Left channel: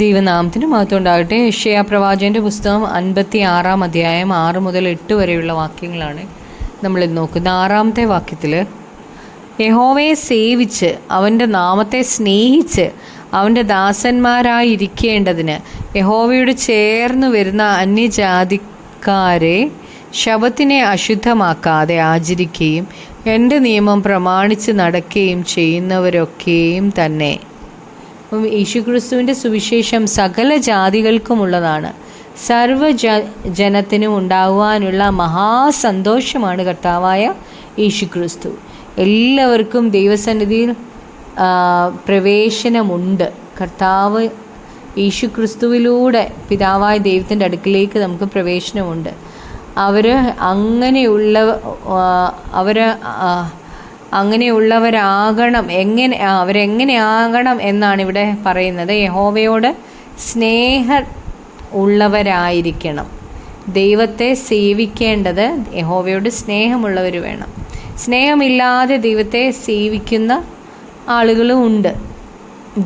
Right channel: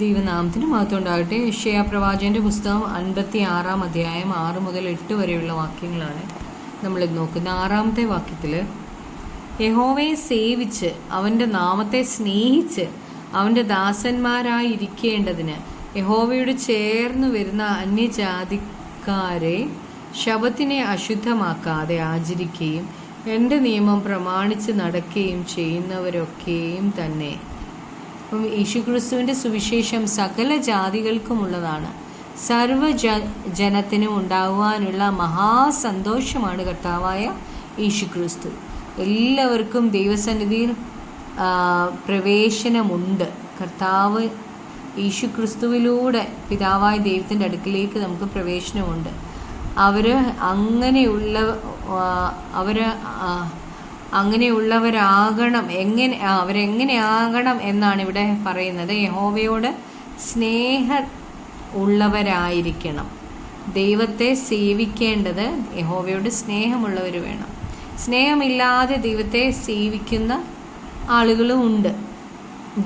ദൈവനാമത്തിന് മഹത്വം ഉണ്ടാകട്ടെ. യെശയ്യാ പ്രവാചകന്റെ പുസ്തകം 56 അധ്യായം 6 മുതൽ 8 വരെയുള്ള വാക്യങ്ങളാണ് നമ്മളിത് നോക്കുന്നത്. 6-ാമത്തെ വാക്യത്തിൽ, യഹോവയെ സേവിച്ച് അവൻ്റെ നാമത്തെ സ്നേഹിച്ച് അവൻ്റെ ദാസന്മാരായിരിക്കേണ്ടതിന് യഹോവയോട് ചേർന്ന് വരുന്ന അന്യജാതിക്കാരെ ശബത്തിനെ അശുദ്ധമാക്കാതെ ആചരിക്കുകയും എൻ്റെ നിയമം പ്രമാണിച്ച് നടക്കുകയും ചെയ്യുന്നവരൊക്കെയും തന്നെ. യേശുക്രിസ്തുവിൻ്റെ സുവിശേഷം സകല ജാതികൾക്കുമുള്ളതാണ്. ജനത്തിനും ഉണ്ടാകുവാനുള്ള മഹാസന്തോഷമാണ് കർത്താവായ യേശുക്രിസ്തു. എല്ലാവർക്കും ദൈവസന്നിധിയിൽ പ്രവേശനമുണ്ട്. കർത്താവ് യേശുക്രിസ്തുവിലൂടെ പിതാവായ ദൈവത്തിൻ്റെ അടുക്കിലേക്ക് നമുക്ക് പ്രവേശനമുണ്ട്. അങ്ങനെയുള്ളവരാകണം. അവരെങ്ങനെയാകണം എന്നാണ് ഇവിടെ പറയുന്നത്. യഹോവയോട് ഉള്ളവരായിരിക്കണം. ദൈവത്തെ സേവിക്കേണ്ടത് യഹോവയോട് സ്നേഹമുള്ളവർ വേണം. സ്നേഹമില്ലാതെ ദൈവത്തെ സേവിക്കുന്ന ആളുകളും ഉണ്ട്.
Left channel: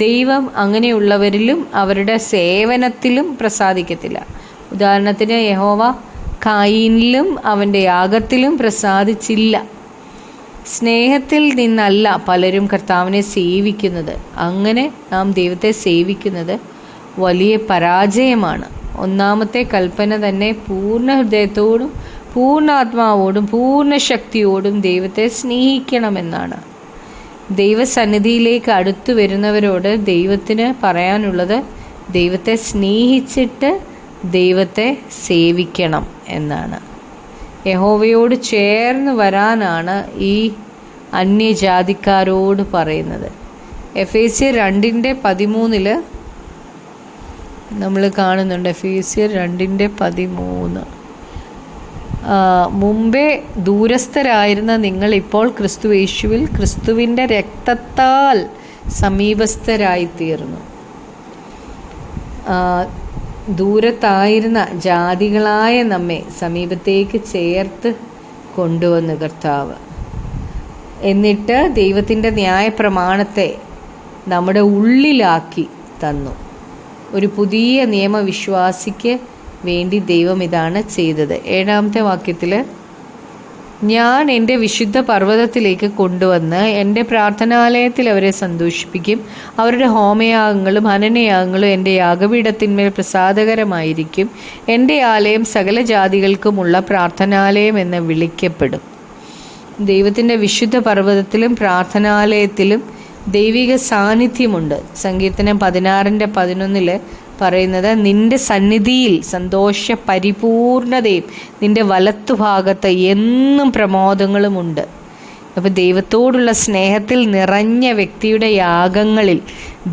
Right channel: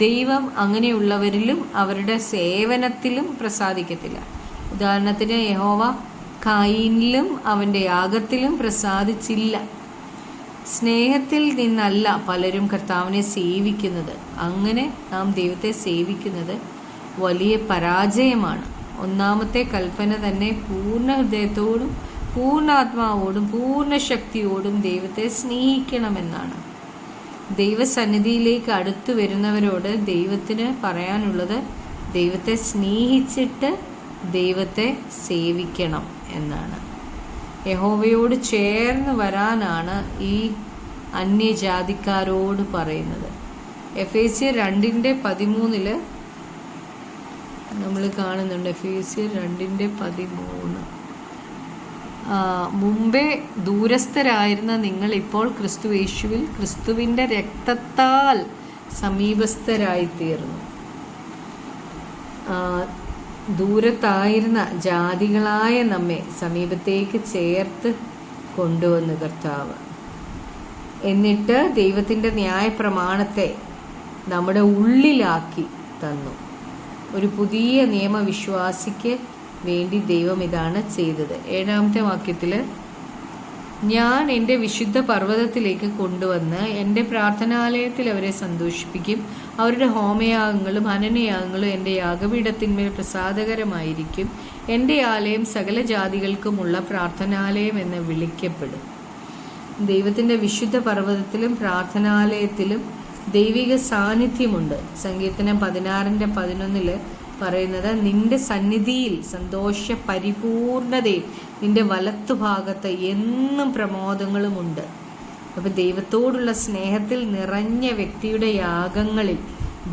ദൈവം അങ്ങനെയുള്ളവരിലും അവരുടെ സേവനത്തിലും പ്രസാദിക്കത്തില്ല. ഉദാഹരണത്തിന്, യഹോവ കായീനിലും അവൻ്റെ യാഗത്തിലും പ്രസാദിച്ചില്ല. സ്നേഹത്തിൽ നിന്നല്ല പലരും കർത്താവിനെ സേവിക്കുന്നത്. അങ്ങനെ നാം ദൈവത്തെ സേവിക്കുന്നത് വലിയ പരാജയമാണ്. ഒന്നാമത്തെ കൽപ്പന തന്നെ പൂർണ്ണ ഹൃദയത്തോടും പൂർണ്ണ ആത്മാവോടും പൂർണ്ണ ശക്തിയോടും ദൈവത്തെ സ്നേഹിക്കണമെന്നാണ്. ദൈവസന്നിധിയിലേക്ക് അടുത്തു വരുന്നവരോട് ദൈവത്തിന് പറയാനുള്ളത് ദൈവത്തെ സ്നേഹിച്ചിട്ട് ദൈവത്തെ സേവിക്കണം എന്നാണ്. യഹോവയോട് ചേർന്ന് വരാനാണ് ഈ അന്യജാതിക്കാരോട് പറയുന്നത്. എഫേസ്യർ 2:13 നമ്മൾ കാണുന്നുണ്ട്. എഫേസ്യർ 2:13, മുമ്പേ ദൂരസ്ഥരായിരുന്ന നിങ്ങൾ ഇപ്പോൾ ക്രിസ്തു യേശുവിൽ ക്രിസ്തുവിൻ്റെ രക്തത്താൽ സമീപസ്ഥരായിത്തീർന്നു. ദൂരത്തായിരുന്ന ജാതികളായ നമ്മെ സമീപത്തേക്ക് ചേർത്ത് കൊണ്ടുവന്നു കർത്താവ്. എന്നിട്ട് ദൈവത്തിൻ്റെ ന്യായപ്രമാണത്തെ നമ്മുടെ ഉള്ളിലാക്കി തന്നു. ഒരു പുതിയ നിയമവിശ്വാസിക്ക് വേണ്ടി ദൈവം ഇതാണ് ചെയ്തത്. 7-ാമത്തെ വാക്യത്തിൽ, ഞാൻ എൻ്റെ വിശുദ്ധ പർവ്വതത്തിലേക്ക് കൊണ്ടുവന്ന് എൻ്റെ പ്രാർത്ഥനാലയത്തിൽ അവരെ സന്തോഷിപ്പിക്കും. അവരുടെ ഹോമയാഗങ്ങളും ഹനനയാഗങ്ങളും എൻ്റെ യാഗപീഠത്തിന്മേൽ പ്രസാദകരമായിരിക്കും. എൻ്റെ ആലയം സകല ജാതികൾക്കുമുള്ള പ്രാർത്ഥനാലയം എന്ന് വിളിക്കപ്പെടും. ദൈവത്തിൻ്റെ വിശുദ്ധ പർവ്വതത്തിലും പ്രാർത്ഥനാലയത്തിലും ദൈവിക സാന്നിധ്യമുണ്ട്. സങ്കീർത്തനം 16:11 പറയുന്നത്, നിന്റെ സന്നിധിയിൽ സന്തോഷ പരിപൂർണതയും നിന്റെ വലത്തുഭാഗത്ത് എന്നും പ്രമോദങ്ങളുമുണ്ട്. അപ്പോൾ ദൈവത്തോടുള്ള സ്നേഹത്തിൽ നിറഞ്ഞ വ്യക്തിയുടെ യാഗങ്ങളിൽ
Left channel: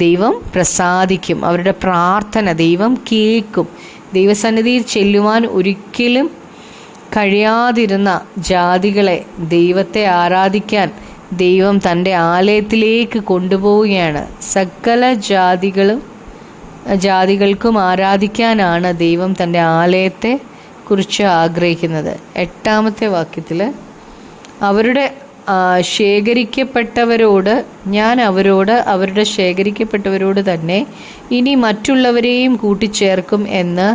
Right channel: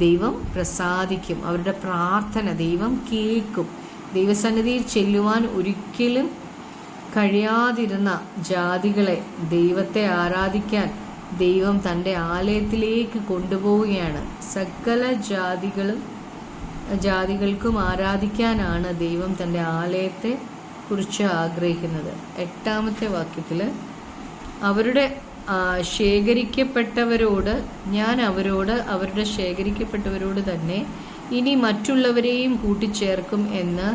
ദൈവം പ്രസാദിക്കും. അവരുടെ പ്രാർത്ഥന ദൈവം കേൾക്കും. ദൈവസന്നിധിയിൽ ചെല്ലുവാൻ ഒരിക്കലും കഴിയാതിരുന്ന ജാതികളെ ദൈവത്തെ ആരാധിക്കാൻ ദൈവം തൻ്റെ ആലയത്തിലേക്ക് കൊണ്ടുപോവുകയാണ്. സകല ജാതികൾക്കും ആരാധിക്കാനാണ് ദൈവം തൻ്റെ ആലയത്തെ കുറിച്ച് ആഗ്രഹിക്കുന്നത്. 8-ാമത്തെ വാക്യത്തിൽ, അവരുടെ ശേഖരിക്കപ്പെട്ടവരോട് ഞാൻ അവരുടെ ശേഖരിക്കപ്പെട്ടവരോട് തന്നെ ഇനി മറ്റുള്ളവരെയും കൂട്ടിച്ചേർക്കും എന്ന്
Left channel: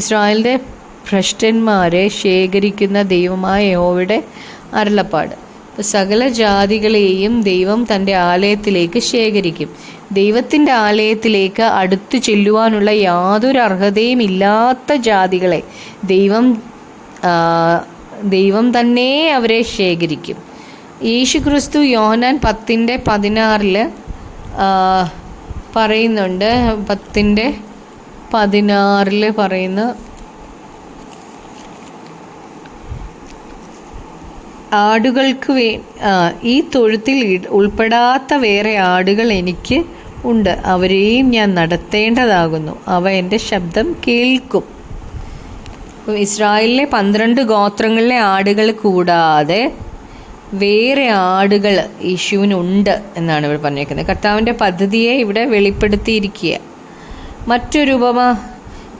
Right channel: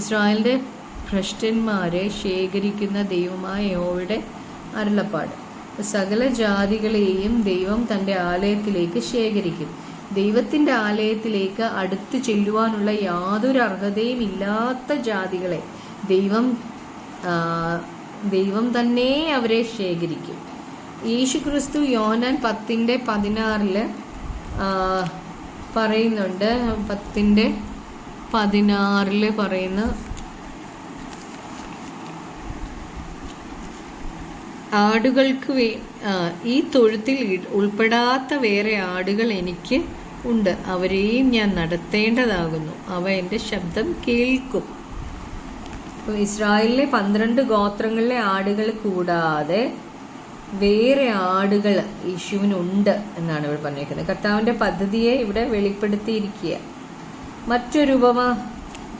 ഇസ്രായേലിൻ്റെ ഭ്രഷ്ടന്മാരെ ശേഖരിക്കുന്ന ദൈവമായ യഹോവയുടെ അരുളപ്പാട്. സകല ജാതികളെയും ദൈവം തൻ്റെ ആലയത്തിലേക്ക് ശേഖരിക്കും. ദൈവത്തിൻ്റെ ആലയത്തിലേക്ക് അടുത്തു ചെല്ലുവാനുള്ള യാതൊരു അർഹതയും ഇല്ലാത്ത ജാതികളെ ദൈവം തന്നെ അവരെ ശേഖരിക്കും. യേശുക്രിസ്തു യോഹന്നാൻ 10:16 പറയുന്നുണ്ട്. 10:16 പറയുന്നു, ആടുകൾക്ക് ഈ തൊഴുത്തിൽ ഉൾപ്പെടാത്ത വേറെ ആടുകൾ എനിക്ക് ഉണ്ട്. അവരെയും ഞാൻ നടത്തേണ്ടതാകുന്നു. അവ എൻ്റെ ശബ്ദം കേൾക്കും. ഇസ്രായേലിലെ 12 ഗോത്രങ്ങളിലെ ആടുകൾ കൂടാതെ വേറെ ആടുകൾ യേശുവിനുണ്ട് എന്നാണ് ഇവിടെ പറഞ്ഞിരിക്കുന്നത്. കർത്താവിൻ്റെ പദ്ധതിയെ ഇവിടെ വെളിപ്പെടുത്തിയിരിക്കുക. മറ്റൊരു ഉപമ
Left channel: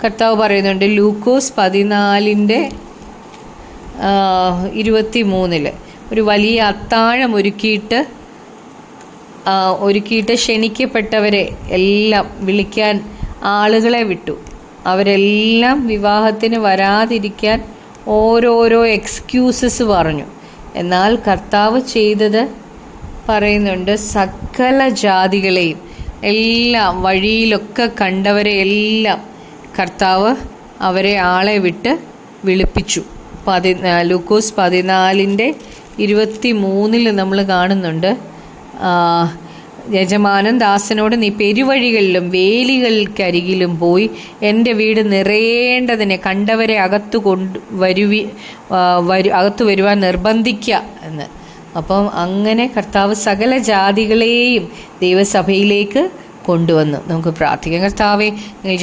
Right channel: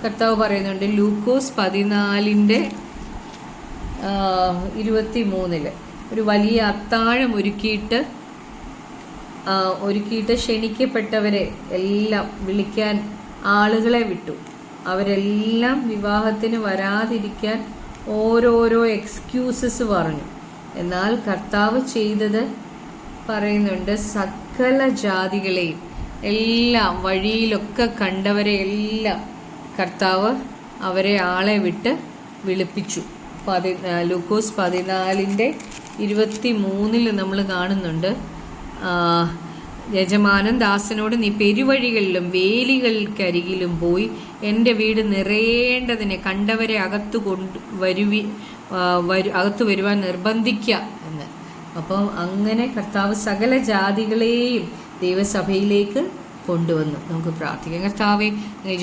കർത്താവ് പറയുന്നുണ്ട്. ലൂക്കോസ് 14:23 ഒരു വലിയ അത്താഴം ഒരുക്കിയിട്ട് ക്ഷണിക്കപ്പെട്ടവരെ എല്ലാം വിളിക്കാൻ ആളുകളെ വിട്ടു. അവരെല്ലാം വിവാഹത്തിന് വരാതിരിക്കാൻ ഓരോരോ എക്സ്ക്യൂസസ് പറഞ്ഞു. എന്നാൽ കർത്താവ് ചെയ്തത് പറയുന്നുണ്ട്, സകല ജാതികളെയും എല്ലാം വഴിയിലൊക്കെ കണ്ടവരെ എല്ലാം കർത്താവ് അവരെ ആളെ വിട്ട് വിളിപ്പിച്ചു. ലൂക്കോസ് 14:23 നമ്മൾ കാണുന്നുണ്ട്, യജമാനൻ ദാസനോട്, നീ പെരുവഴികളിലും വേലികൾക്കരികിലും പോയി എൻ്റെ വീട് നിറയേണ്ടതിനെ കണ്ടവരെ അകത്തു വരുവാൻ നിർബന്ധിക്കുക എന്ന്. അപ്പം അങ്ങനെ കർത്താവ് സകല ജാതികളെയും ദൈവസഭയിലേക്ക് കൊണ്ടുവന്നു. നമുക്ക് പ്രാർത്ഥിക്കാം. കർത്താവെ,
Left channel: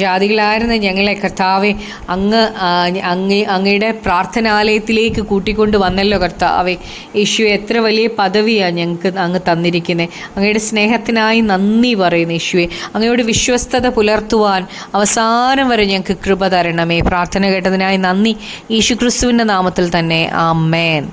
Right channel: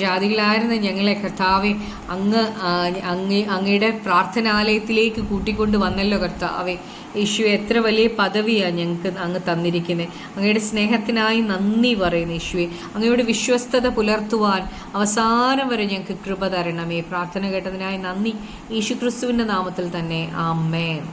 ജാതികളായിരുന്ന ഞങ്ങളെ കർത്താവെ അങ്ങയുടെ പ്രാർത്ഥനാലയത്തിലേക്ക് കൂട്ടിക്കൊണ്ട് വന്നല്ലോ കർത്താവെ. യേശുവെ, എത്ര വലിയ പദവിയാണ് ഞങ്ങൾക്ക് അങ്ങ് തന്നിരിക്കുന്നത്. അങ്ങയുടെ സ്നേഹത്തിനായി നന്ദി പറയുന്നു യേശുവെ. അങ്ങയോട് വിശ്വസ്തത പുലർത്തുവാൻ അവസാനം വരെ ഞങ്ങൾക്ക് കൃപ തരണമേ. പ്രാർത്ഥന കേട്ടതിനായി നന്ദി. യേശു ക്രിസ്തുവിൻ്റെ നാമത്തിൽ തന്നെ, ആമേൻ.